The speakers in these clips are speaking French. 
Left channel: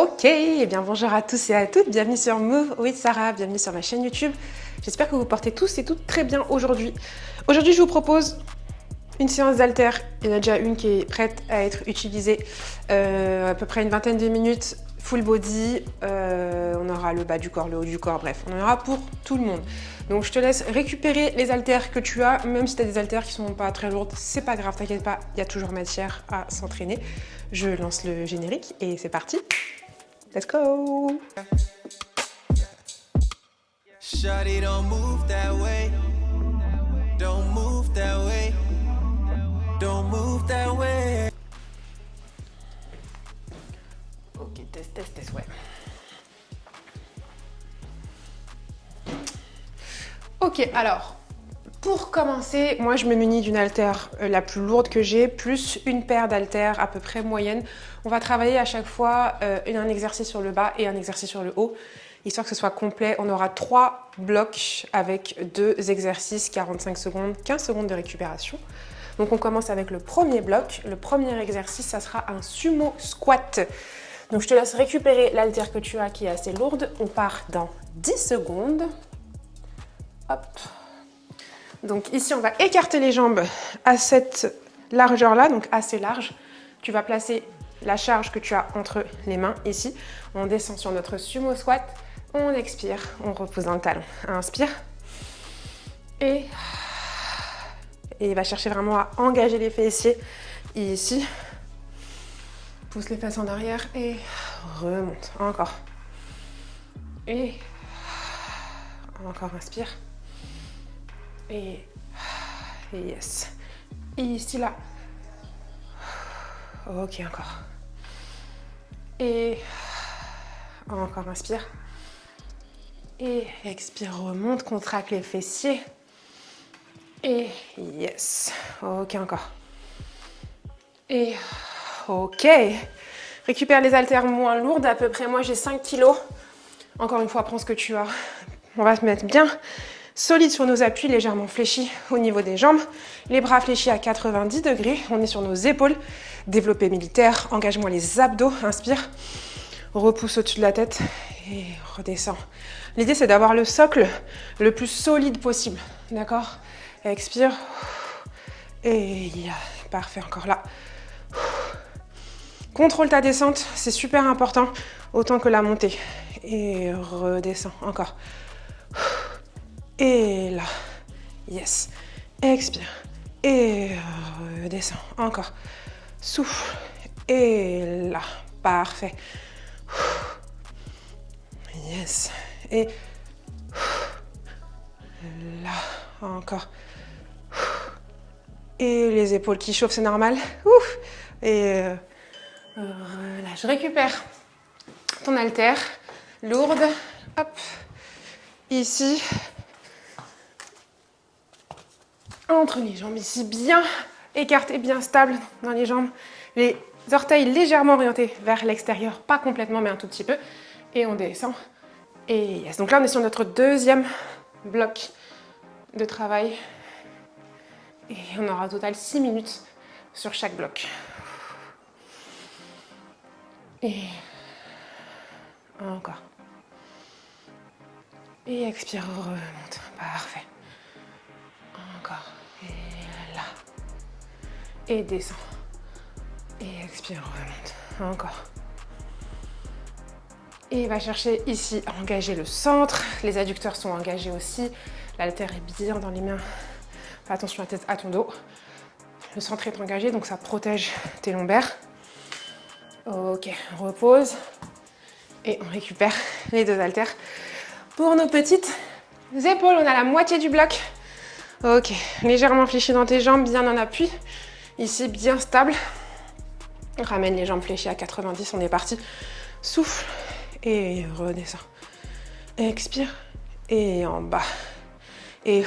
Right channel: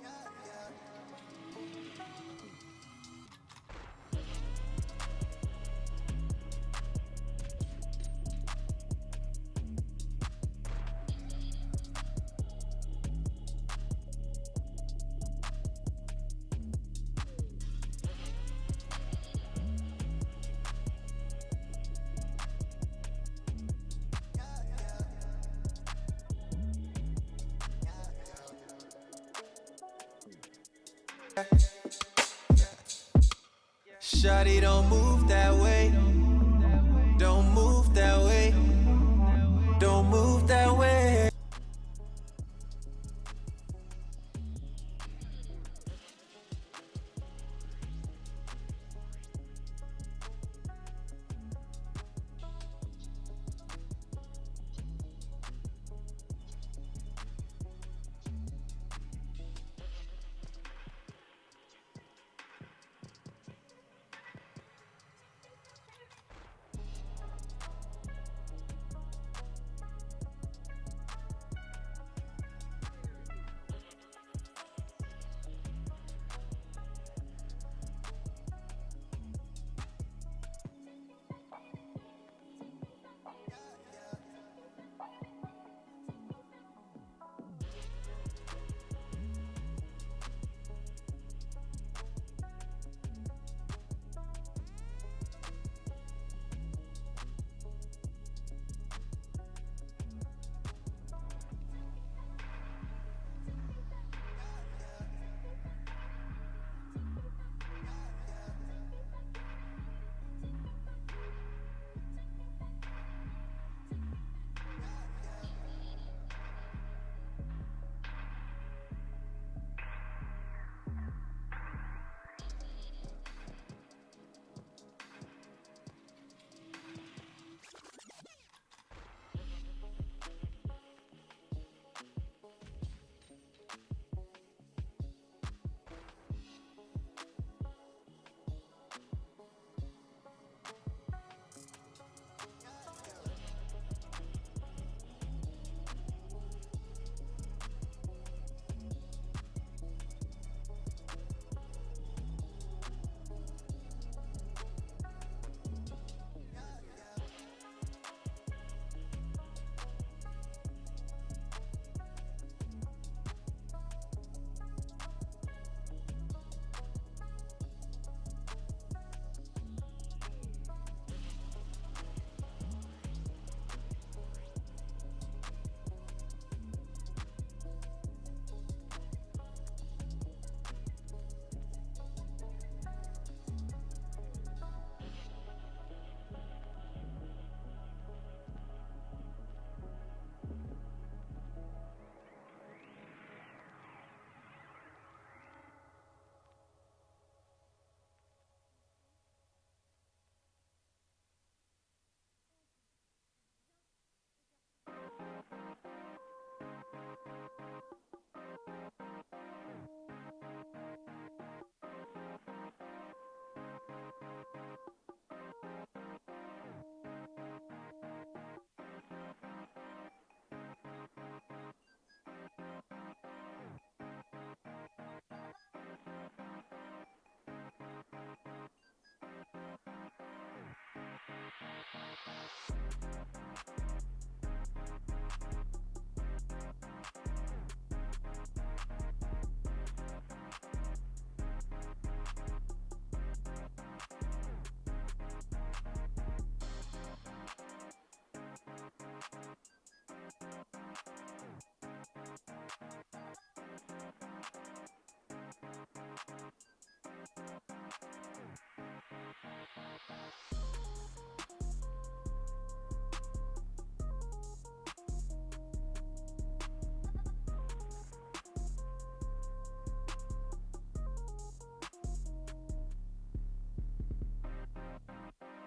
Ok, eh bien bonjour à tous et à toutes, bienvenue sur Move with Sarah, bienvenue sur ma chaîne YouTube. J'espère que vous portez tous et toutes très bien aujourd'hui. Aujourd'hui, je vous propose une séance d'haltères. Il y en a déjà une qui est prête à être utilisée, à peu près une vingtaine de minutes, full body. On aura le bas du corps, le haut du corps, bref, on en aura pour tout le monde. Donc je te laisse récupérer les haltères que tu as, même si tu as des haltères qui sont pas très lourdes, c'est pas grave, t'inquiète pas, il y a toujours matière à s'entraîner. Je lance le générique et c'est parti. Let's go! Shawty, don't move that way. Don't move that way. Don't move that way. Ok, test, ouais. Ok, alors, pour commencer, moi je me munis d'une haltère la plus lourde que j'ai, plus une paire d'haltères à peu près moyenne. On va travailler à chaque fois un exercice sur le bas et un exercice sur le haut, histoire que ce soit complet. On aura 3 blocs avec 2 exercices, 45 secondes, 15 secondes de récupération. Donc on commence avec le premier bloc. Le premier exercice, ça sera un sumo squat. Donc je te laisse récupérer l'haltère que tu as qui est assez lourde. On part dans 10 secondes. Hop. Donc ici, on va écarter les jambes à cette largeur-là, donc assez large. Tu vas placer la charge que tu as entre les mains ici. On descend sur notre sumo squat. On expire, on repose dans le talon. Inspire. Et il va chercher vraiment à engager les fessiers ici. Pousse les fesses en arrière et remonte. Encore. Et encore, inspire. Et yes. Et ici, là. Ok, encore. Et encore, inspire. Et expire, remonte, contracte les fessiers. Et yes. Ok, encore. Et ok. Récupère les haltères moins lourdes. À peu près, moi, j'ai 5 kilos. Encore une fois, prends ce que tu as. On va se mettre bien solide sur nos appuis, légèrement fléchis au niveau des jambes. Les bras fléchis à 90 degrés. On est sur nos épaules. Développé militaire. Engage-moi les abdos. Inspire. Repousse au-dessus de la tête. Et redescends. L'idée, c'est d'avoir le socle le plus solide possible. D'accord? Expire. Et parfait, encore là. Contrôle ta descente, c'est super important, autant que la montée. Et redescends, encore. Et là, yes. Expire. Et redescends, encore. Souffle. Et là, parfait. Yes. Et là, encore. Et les épaules qui chauffent, c'est normal. Ouf. Et relâche. Récupère ton haltère lourde. Hop. Ici. Entre les jambes ici, bien écarté, bien stable dans les jambes. Les orteils légèrement orientés vers l'extérieur, pas complètement, mais un tout petit peu. Et on descend. Et yes. Donc là, on est sur notre deuxième bloc de travail. Et on aura au total 6 minutes sur chaque bloc. Et encore. Et expire, remonte. Parfait. Encore. Et là. Et descend. Et expire, remonte. Encore. Et va chercher ici à engager le centre. Les adducteurs sont engagés aussi. L'haltère est bien dans les mains. Fais attention à la tête à ton dos. Le centre est engagé, donc ça protège tes lombaires. Ok, on repose. Et on récupère les 2 haltères. Pour nos petites épaules, on a la moitié du bloc. Ok, légèrement fléchi dans tes jambes, bien en appui. Ici, bien stable. Ramène les jambes fléchies à 90, on est parti. Souffle et redescend. Expire et en bas. Et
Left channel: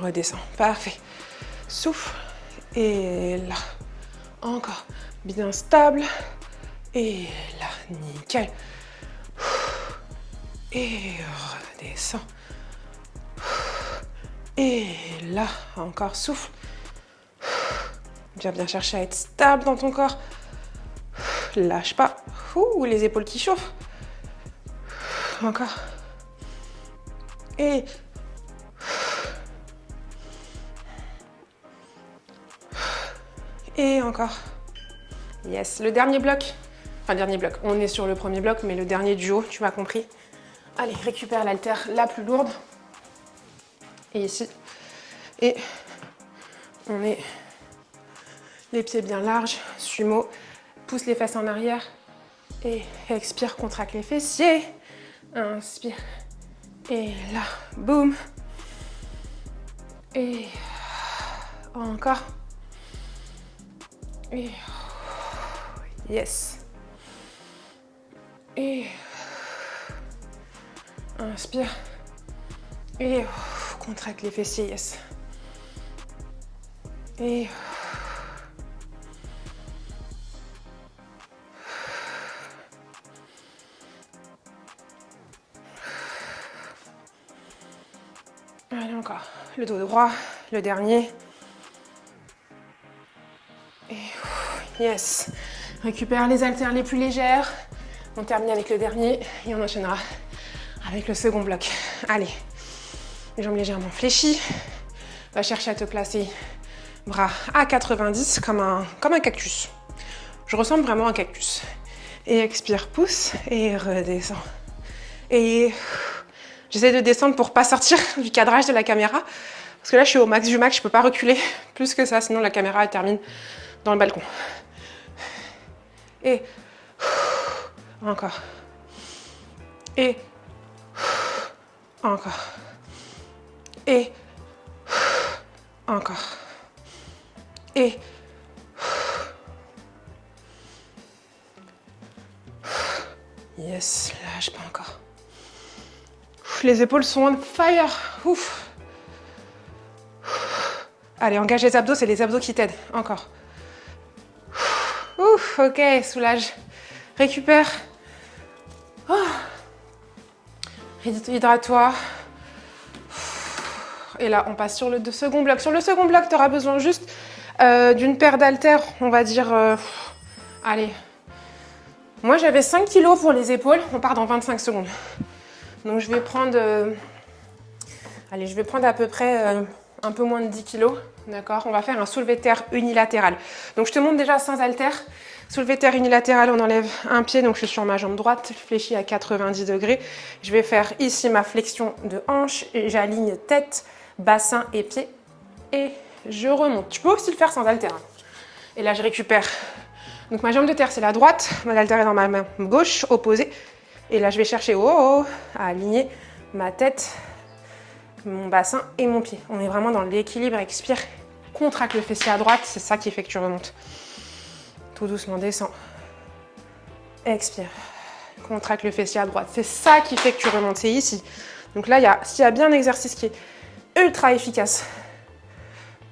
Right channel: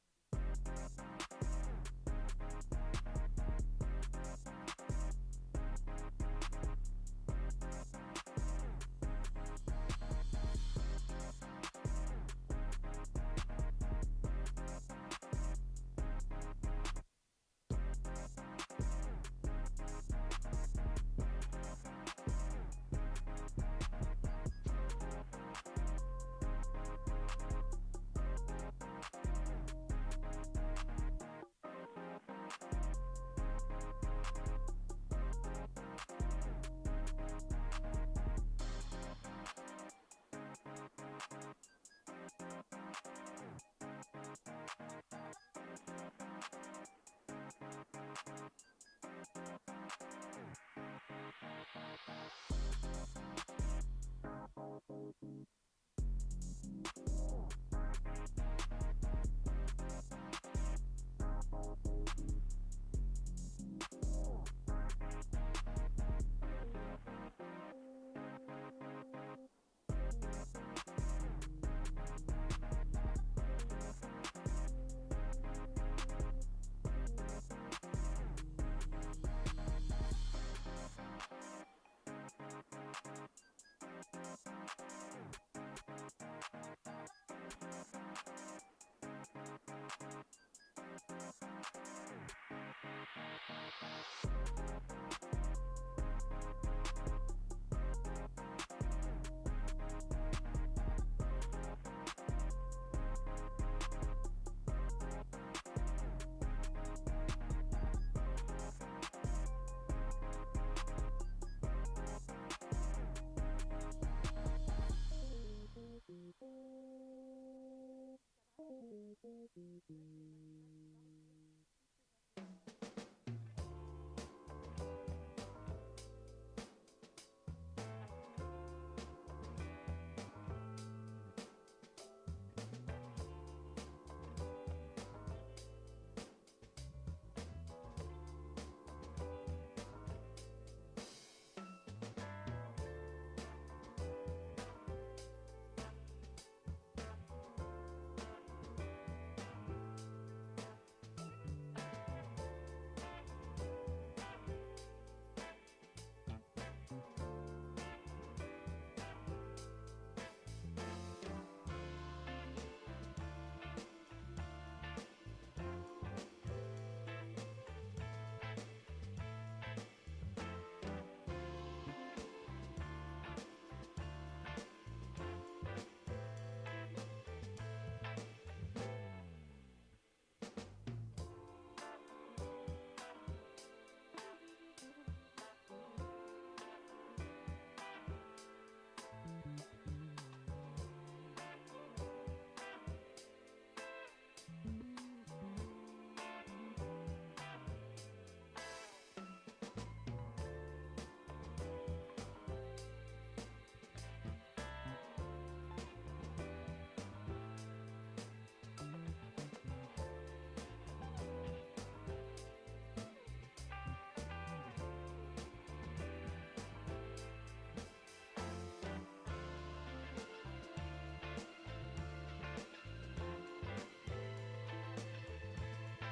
redescend. Parfait. Souffle et là. Encore. Bien stable. Et là, nickel. Et redescend. Et là, encore souffle. Viens bien chercher à être stable dans ton corps. Lâche pas. Ouh, les épaules qui chauffent. Encore. Et... Et encore. Yes, le dernier bloc. Enfin, le dernier bloc. On est sur le premier bloc, mais le dernier du haut, tu m'as compris. Allez, récupère l'haltère la plus lourde. Et ici. Et on met les pieds bien larges. Sumo. Pousse les fesses en arrière. Et expire, contracte les fessiers. Inspire. Et là, boum. Et encore. Et yes. Et inspire. Et contracte les fessiers, yes. Et allez, encore. Le dos droit, le dernier. Et yes. Récupère les haltères les plus légères. On termine avec le dernier et on enchaînera avec le second bloc. Allez. Les jambes légèrement fléchies. Va chercher à te placer bras à 90 comme un cactus. Je ressemble vraiment à un cactus. Et expire, pousse et redescends. Et j'essaie de descendre pour pas sortir du cadrage de la caméra. Parce que là, je suis au max du max, je peux pas reculer plus que ça, sinon la caméra elle termine dans le balcon. Et encore. Et encore. Et encore. Et yes, lâche pas encore. Les épaules sont on fire. Ouf. Allez, engage les abdos, c'est les abdos qui t'aident. Encore. Ouf, ok, soulage. Récupère. Oh. Hydrate-toi. Et là, on passe sur le second bloc. Sur le second bloc, tu auras besoin juste d'une paire d'haltères, on va dire... allez. Moi, j'avais 5 kg pour les épaules. On part dans 25 secondes. Donc, je vais prendre... allez, je vais prendre à peu près un peu moins de 10 kg. D'accord? On va faire un soulevé de terre unilatéral. Donc, je te montre déjà sans haltères. Soulevé de terre unilatéral, on enlève un pied. Donc, je suis sur ma jambe droite, fléchie à 90 degrés. Je vais faire ici ma flexion de hanche. Et j'aligne tête, bassin et pied. Et je remonte. Tu peux aussi le faire sans haltères. Et là, je récupère. Donc, ma jambe de terre, c'est la droite. Mon haltère est dans ma main gauche, opposée. Et là, je vais chercher à aligner ma tête, mon bassin et mon pied. On est vraiment dans l'équilibre. Expire. Contracte le fessier à droite. C'est ça qui fait que tu remontes. Tout doucement, descends. Expire. Contracte le fessier à droite. C'est ça qui fait que tu remontes. C'est ici. Donc là, s'il y a bien un exercice qui est ultra efficace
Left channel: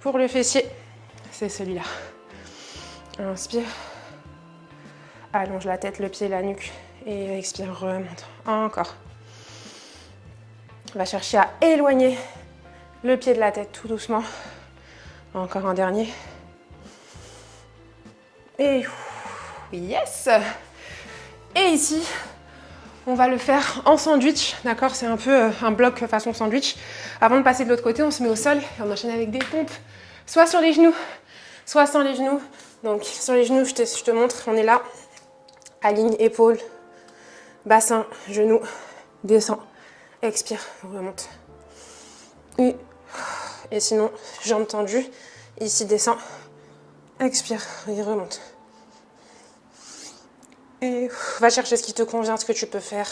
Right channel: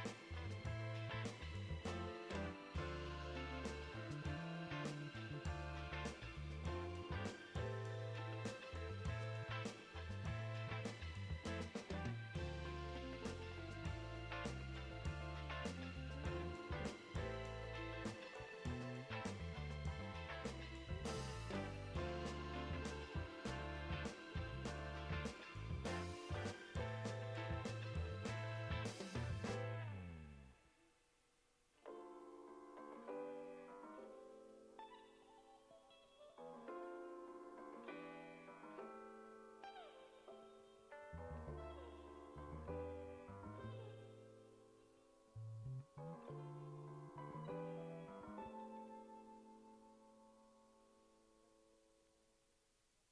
pour le fessier, c'est celui-là. Inspire. Allonge la tête, le pied, la nuque. Et expire, remonte. Encore. On va chercher à éloigner le pied de la tête tout doucement. Encore un dernier. Et yes! Et ici, on va le faire en sandwich, d'accord? C'est un peu un bloc façon sandwich. Avant de passer de l'autre côté, on se met au sol et on enchaîne avec des pompes, soit sur les genoux, soit sans les genoux. Donc sur les genoux, je te montre, on est là. Aligne épaules, bassin, genoux, descend, expire, remonte. Et sinon, jambes tendues, ici descend, expire et remonte. Et va chercher ce qui te convient, ce que tu peux faire.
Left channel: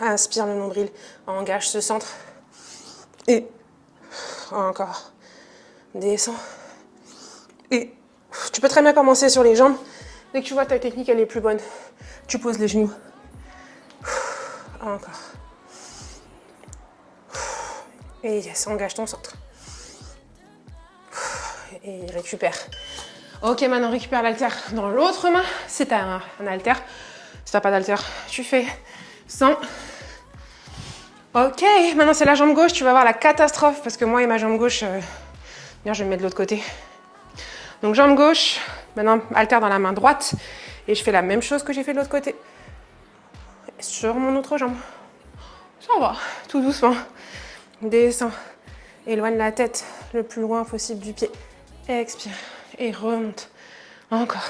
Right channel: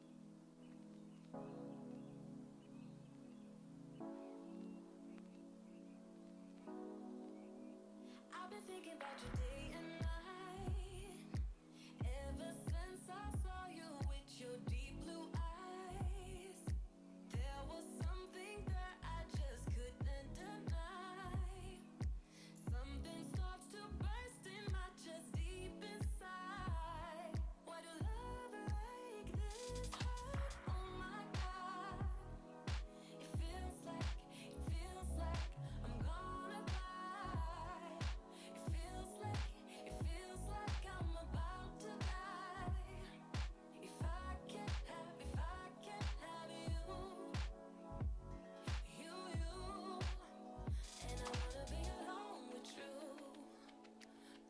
Inspire le nombril, engage ce centre. Et encore. Descends. Et tu peux très bien commencer sur les jambes. Dès que tu vois ta technique, elle est plus bonne, tu poses les genoux. Encore. Et yes, engage ton centre. Et récupère. Ok, maintenant récupère l'haltère dans l'autre main. Si tu as un haltère, si tu n'as pas d'haltère, tu fais 100. Ok, maintenant c'est la jambe gauche. Tu vas voir la catastrophe parce que moi et ma jambe gauche, bien, je vais me mettre de l'autre côté. Donc jambe gauche, Maintenant, haltère dans la main droite. Et je fais la même chose que j'ai fait de l'autre côté. Sur mon autre jambe. Ça va, tout doucement. Descends. Éloigne la tête le plus loin possible du pied. Expire. Et remonte. Encore.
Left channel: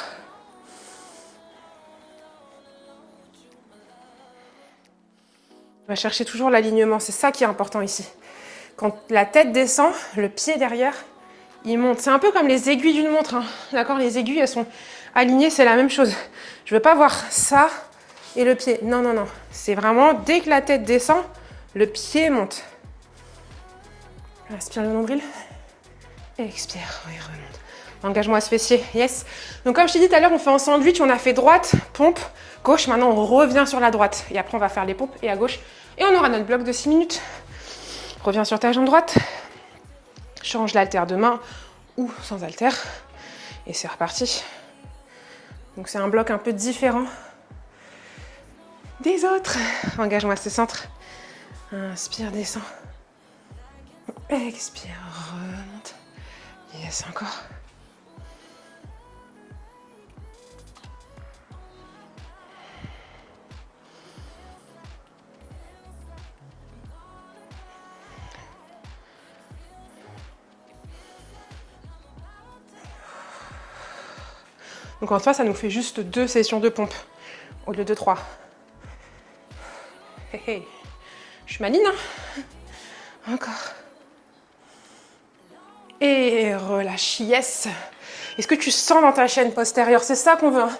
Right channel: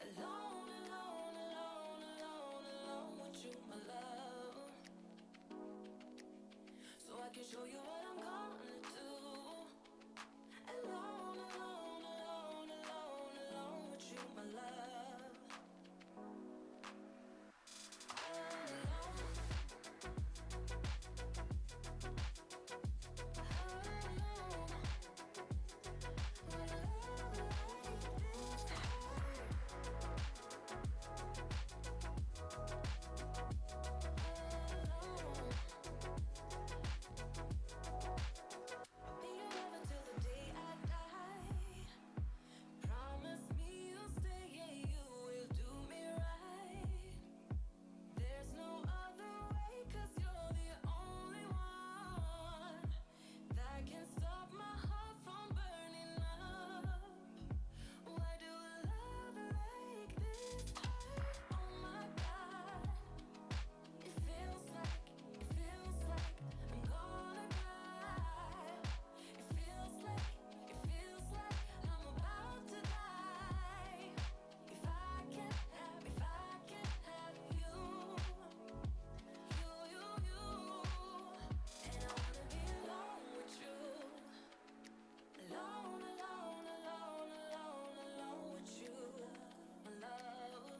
On va chercher toujours l'alignement. C'est ça qui est important ici. Quand la tête descend, le pied derrière, il monte. C'est un peu comme les aiguilles d'une montre. Hein. D'accord, les aiguilles, elles sont alignées, c'est la même chose. Je veux pas voir ça et le pied. Non, non, non. C'est vraiment, dès que la tête descend, le pied monte. Inspire le nombril. Expire. Oui, remonte. Engage-moi ce fessier. Yes. Donc, comme je t'ai dit tout à l'heure, on fait en sandwich. On a fait droite, pompe, gauche. Maintenant, on revient sur la droite. Et après, on va faire les pompes et à gauche. Et on aura notre bloc de 6 minutes. Reviens sur ta jambe droite. Change l'haltère de main ou sans haltère. Et c'est reparti. Donc c'est un bloc un peu différent des autres. Engage-moi ce centre. Inspire, descends. Expire, remonte. Yes, encore. Donc en soi, ça nous fait juste 2 sessions de pompe au lieu de 3. Hey, hey. Je suis maligne, hein. Encore. Et relâche, yes. Est-ce que tu sens dans ta chaîne postérieure? C'est ça qu'on veut. Hein.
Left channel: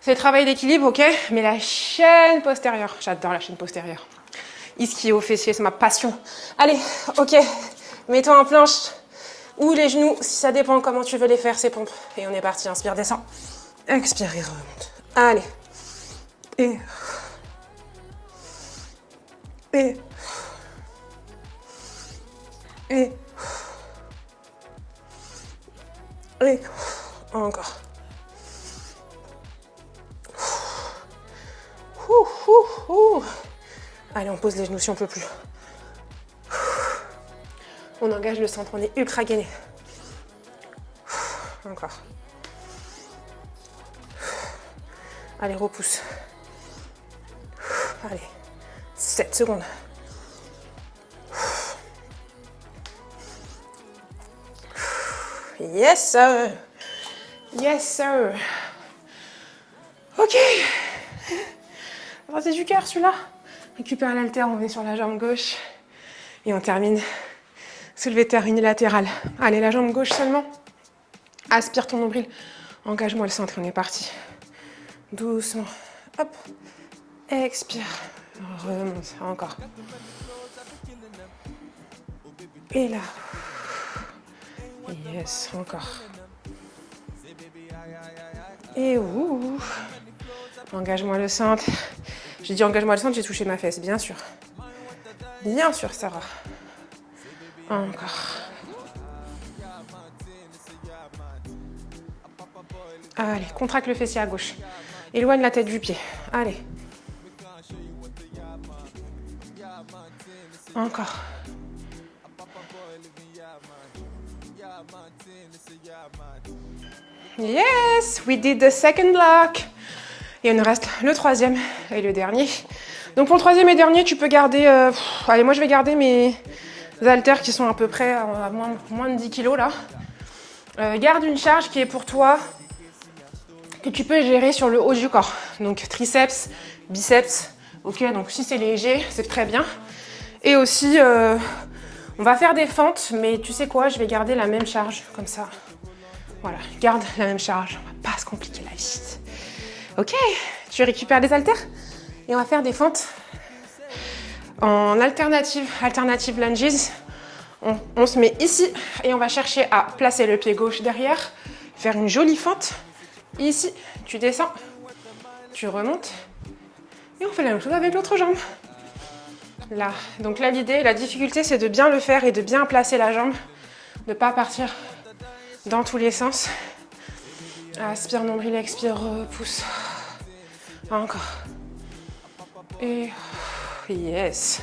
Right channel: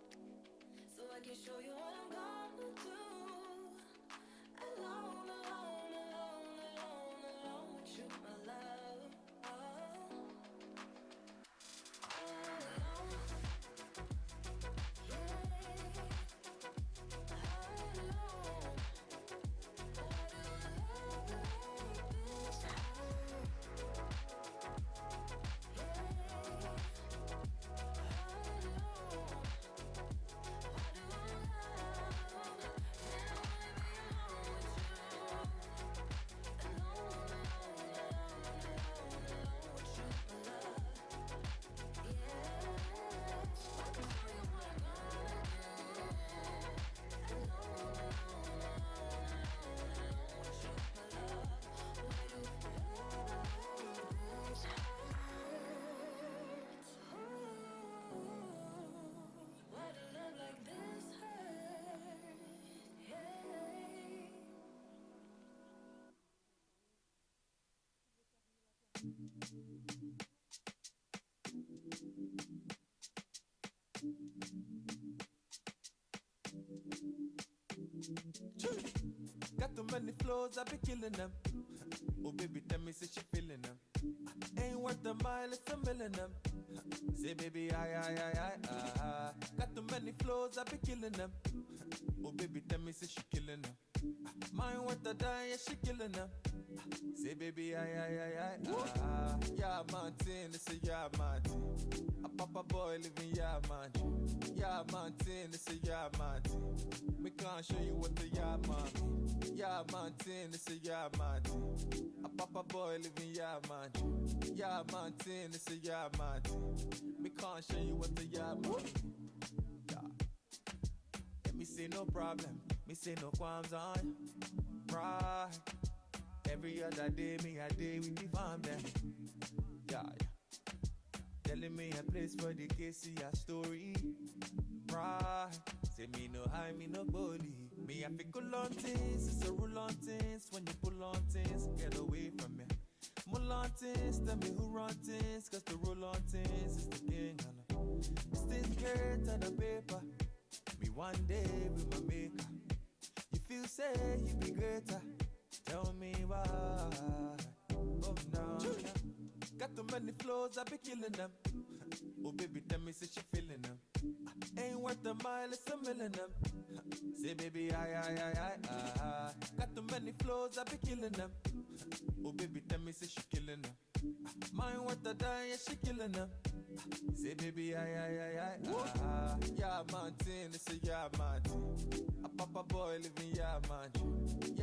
C'est le travail d'équilibre, ok? Mais la chaîne postérieure, j'adore la chaîne postérieure. Ischio fessier, c'est ma passion. Allez, ok. Mets-toi en planche ou les genoux, si ça dépend comment tu veux les faire, ces pompes. Et on est parti, inspire, descends. Expire et remonte. Allez. Et. Encore. Allez, on pose les genoux si on peut plus. On engage le centre, on est ultra gainé. Encore. Allez, repousse. Allez, 7 secondes. Yes, sir. Yes, sir. Ok. C'est du cœur, celui-là. Récupère l'haltère, on est sur la jambe gauche. Et on termine. Soulevé de terre unilatéral. Allez, la jambe gauche seulement. Aspire ton nombril. Engage-moi le centre, on est parti. Doucement. Hop. Expire. Remonte. Encore. Et là. Yes, encore. Et ouh. Engage-moi le centre. J'ai dit engage-moi le centre, j'ai touché ma fesse, bien sûr. Bien sûr, ça va. Encore. Allez, contracte le fessier à gauche. Éloigne la tête du pied. Allez. Encore. Yes, we did the second block. Et il nous reste le troisième et le dernier. Donc pour le troisième et dernier, tu peux garder... allez, moi je vais garder mes haltères qui sont à peu près à moins de 10 kg là. Garde une charge qui est pour toi, que tu peux gérer sur le haut du corps. Donc triceps, biceps. Ok, donc si c'est léger, c'est très bien. Et aussi, on va faire des fentes, mais tu sais quoi, je vais garder la même charge, comme ça. Voilà, garde la même charge, on va pas se compliquer la vie. Ok, tu récupères les haltères et on va faire des fentes en alternative lunges. On se met ici et on va chercher à placer le pied gauche derrière, faire une jolie fente. Ici, tu descends, tu remontes et on fait la même chose avec l'autre jambe. Là, donc là l'idée, la difficulté c'est de bien le faire et de bien placer la jambe, de ne pas partir dans tous les sens. Aspire, nombril, expire, repousse. Encore. Et yes.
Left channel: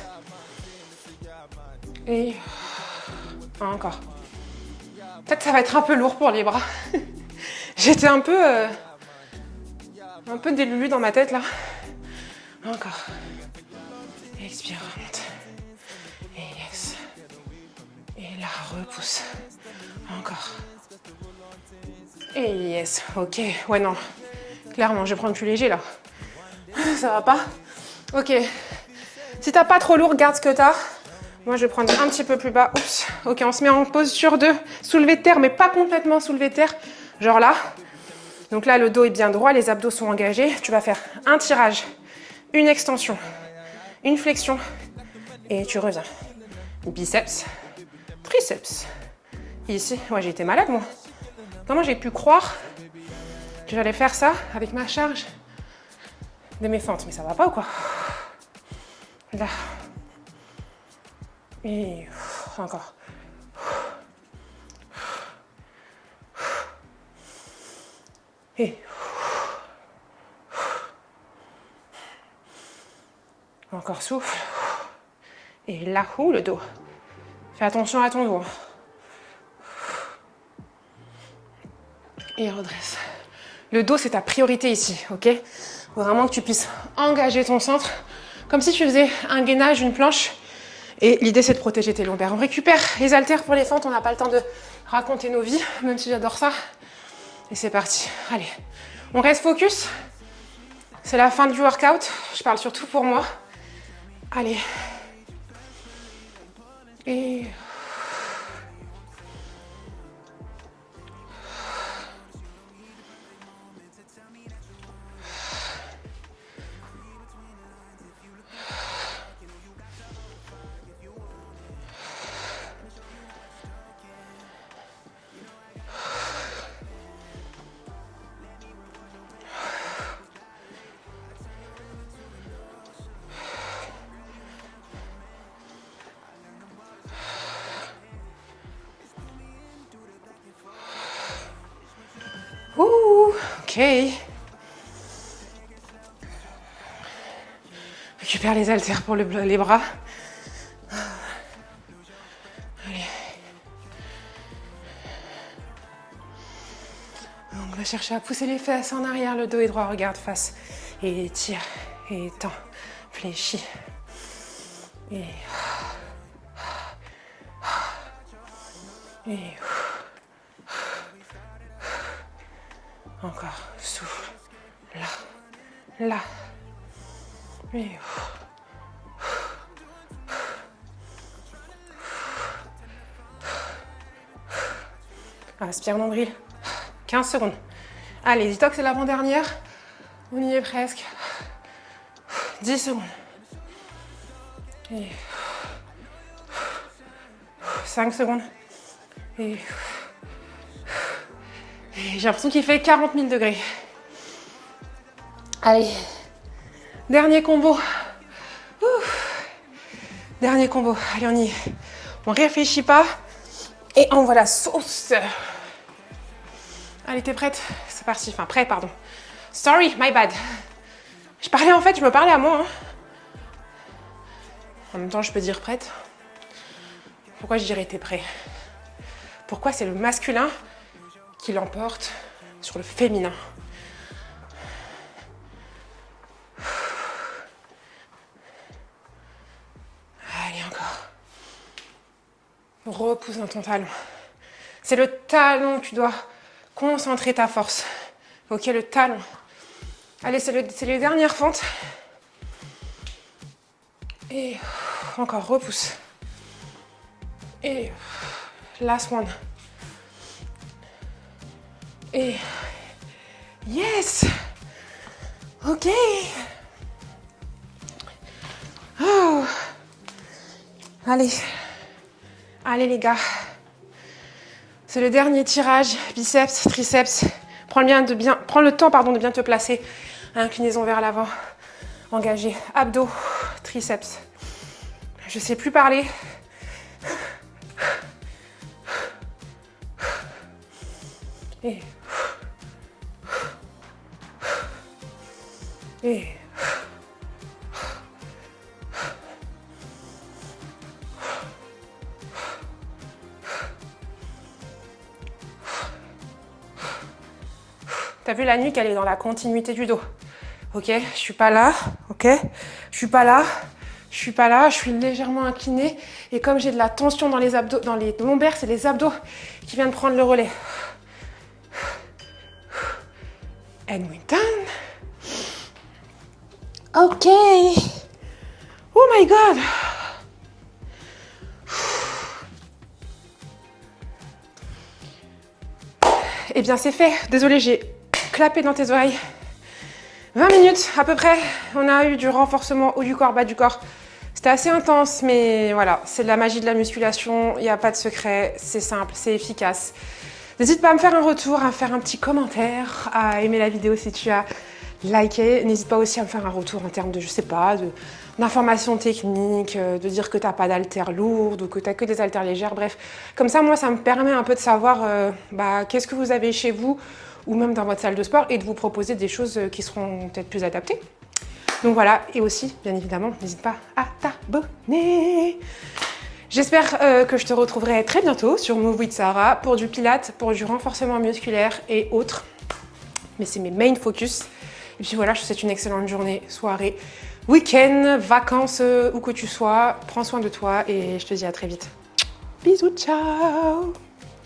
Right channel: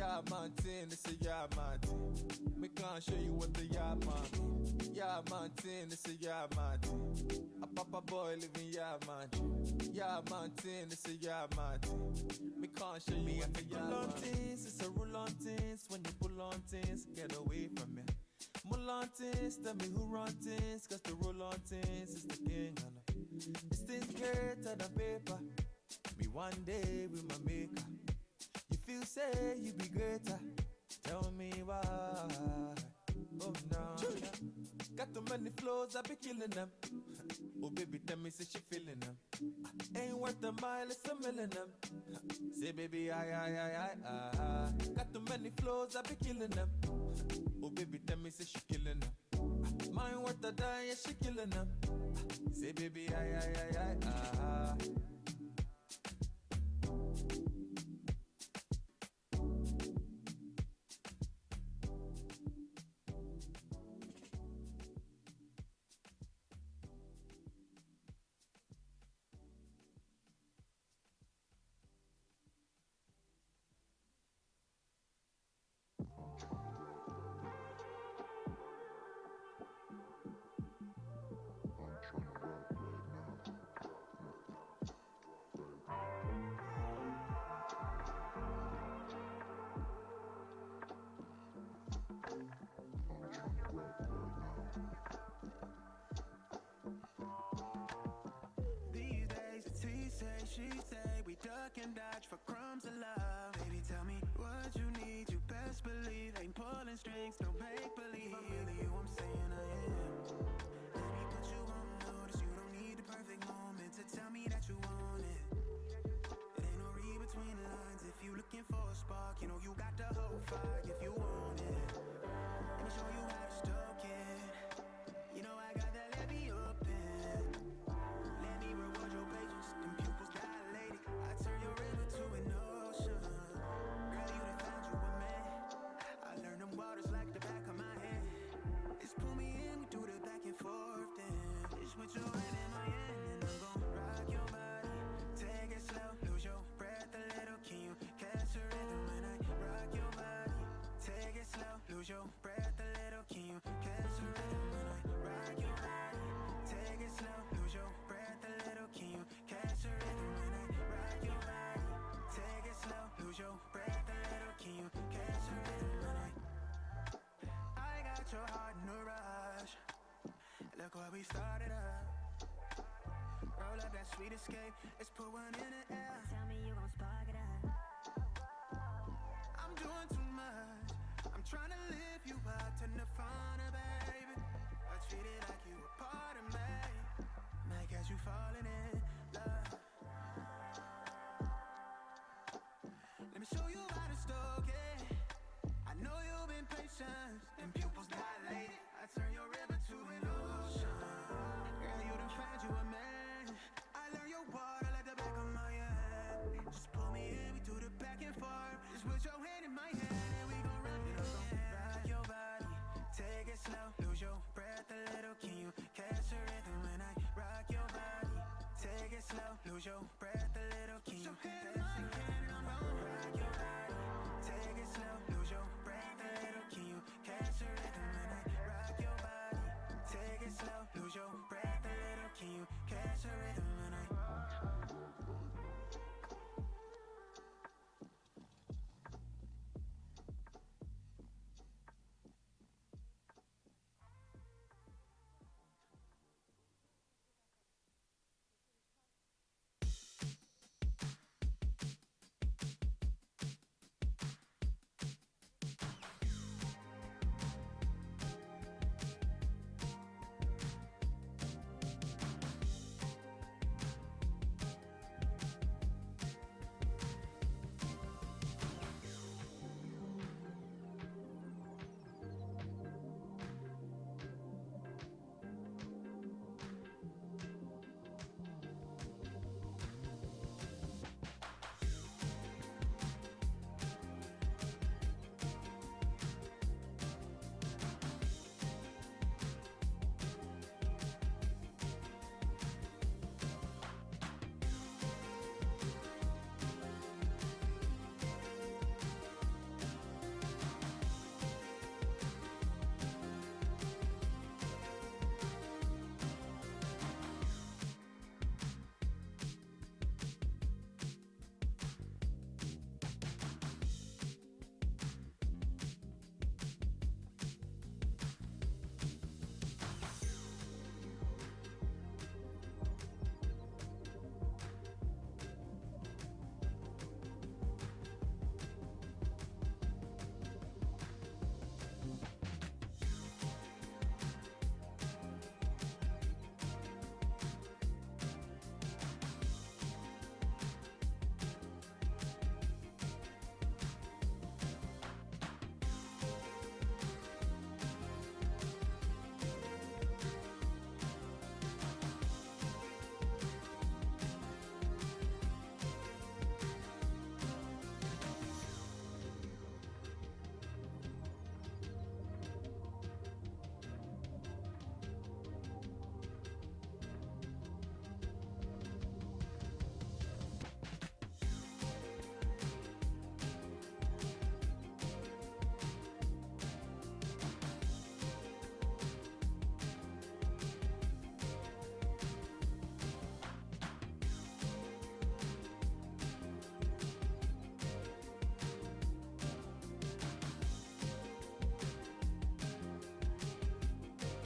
Et encore. Peut-être que ça va être un peu lourd pour les bras. J'étais un peu délulu dans ma tête là. Encore. Expire, remonte. Et yes. Et là, repousse. Encore. Et yes. Ok. Ouais, non. Clairement, je vais prendre plus léger là. Ça va pas? Ok. Si t'as pas trop lourd, garde ce que t'as. Moi, je vais prendre un petit peu plus bas. Oups. Ok, on se met en posture de soulevé de terre, mais pas complètement soulevé de terre. Genre là. Donc là, le dos est bien droit, les abdos sont engagés. Tu vas faire un tirage, une extension, une flexion. Et tu reviens. Biceps, triceps. Ici, ouais, j'ai été malade, moi. Comment j'ai pu croire que j'allais faire ça avec ma charge de mes fentes? Mais ça va pas ou quoi? Là. Et encore. Et encore souffle. Et là, le dos. Fais attention à ton dos. Et redresse. Le dos, c'est ta priorité ici, ok? Faut vraiment que tu puisses engager ton centre, comme si tu faisais un gainage, une planche. Et l'idée, c'est de protéger tes lombaires. On récupère les haltères pour les fentes. On n'a pas le temps de raconter nos vies, même si j'adore ça. Et c'est parti. Allez, on reste focus. C'est la fin du workout. Je parle surtout pour moi. Allez. Et... Ouh, ok. Récupère les haltères pour les bras. Allez. On va chercher à pousser les fesses en arrière, le dos est droit, regarde face. Et tire, et tend, fléchis. Et... Encore, souffle. Là. Là. Et... Inspire nombril. 15 secondes. Allez, dis-toi que c'est l'avant-dernière. On y est presque. 10 secondes. Et... 5 secondes. Et... J'ai l'impression qu'il fait 40 000 degrés. Allez. Dernier combo. Dernier combo. Allez, on y est. On réfléchit pas. Et on voit la sauce. Allez, t'es prête? C'est parti. Enfin, prêt, pardon. Sorry, my bad. Je me parlais à moi. Hein. En même temps, je peux dire prête. Pourquoi je dirais t'es prêt? Pourquoi c'est le masculin qui l'emporte sur le féminin? Allez, encore. Repousse dans ton talon. C'est le talon que tu dois concentrer ta force. Ok, le talon. Allez, c'est les dernières fentes. Et encore, repousse. Et last one. Et yes. Ok. Oh. Allez. Allez les gars. C'est le dernier tirage. Biceps, triceps. Prends le temps de bien te placer. Inclinaison vers l'avant. Engagé. Abdos, triceps. Je sais plus parler. Et... T'as vu, la nuque, elle est dans la continuité du dos. Ok, je suis pas là, ok, je suis pas là, je suis pas là, je suis légèrement inclinée. Et comme j'ai de la tension dans les abdos, dans les lombaires, c'est les abdos qui viennent prendre le relais. And we're done. Ok. Oh my God. Eh bien, c'est fait. Désolée, j'ai clapé dans tes oreilles. 20 minutes à peu près. On a eu du renforcement haut du corps, bas du corps. C'était assez intense, mais voilà, c'est de la magie de la musculation. Il n'y a pas de secret. C'est simple, c'est efficace. N'hésite pas à me faire un retour, à faire un petit commentaire, à aimer la vidéo si tu as liké. N'hésite pas aussi à me faire un retour en termes de, je sais pas, d'informations techniques, de dire que tu n'as pas d'haltères lourdes ou que tu n'as que des haltères légères. Bref, comme ça, moi, ça me permet un peu de savoir qu'est-ce que vous avez chez vous ou même dans votre salle de sport et de vous proposer des choses qui seront peut-être plus adaptées. Donc voilà, et aussi, bien évidemment, n'hésite pas à t'abonner. J'espère que je te retrouverai très bientôt sur Move with Sarah pour du pilates, pour du renforcement musculaire et autres. Mais c'est mes main focus. Et puis voilà, je te souhaite une excellente journée, soirée, week-end, vacances, où que tu sois. Prends soin de toi et je te dis à très vite. Bisous, ciao!